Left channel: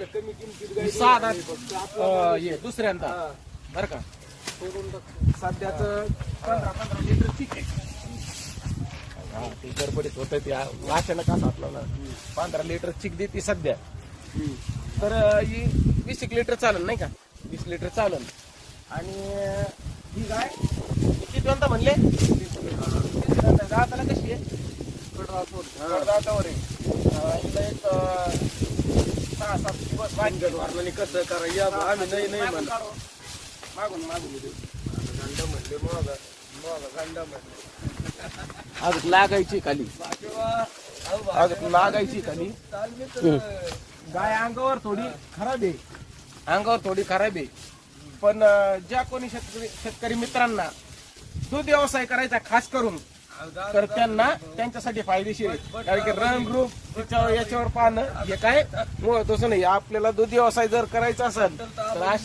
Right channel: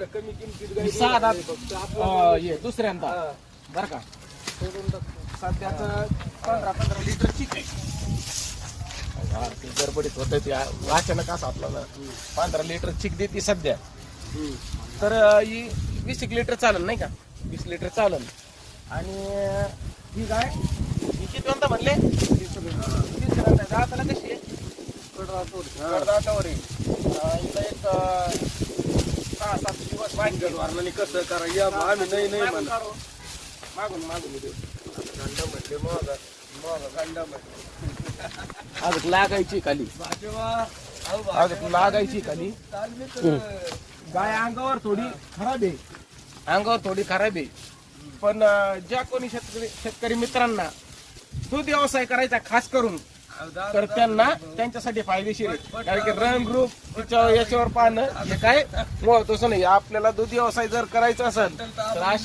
एवढ्या कमी किमतीत गाई साधा फक्त आपलं हे दुसऱ्यांदा बरं का सोडून टाकतो. सध्याचं 15 लिटर चिक आहे. हा ते गडबडीत होतं ते अचानक असं आपल्याला 15 लिटर चिक देते सध्या. तर ही 20 लिटर चालेल नाही का, 20 लिटर चालेल. आणि ही गाय किती कोणता म्हणले, जाताना कशी आहे, कडदातावर आहे. हिला एक 6-7 दिवस आणि कसं करा या आम्ही नाही नाही म्हणा मागून गंडा म्हटले मग गंडा म्हटले अजून लागायची खाली, अजून लागायची खाली. गाय अंगावर थोडी खराब आहे, अंगावर थोडी खराब आहे. पण ज्या कोणी शेतकरी मित्रांना दूध व्यवसाय करायचा खास करून, तर त्यांना त्यांच्यासाठी फायदेशीर आहे. कारण की रन ग्रुप याच्यावर पाहणं हे काय तसं नाही. आपल्याला दूध व्यवसाय जर करायचा असेल तर अशा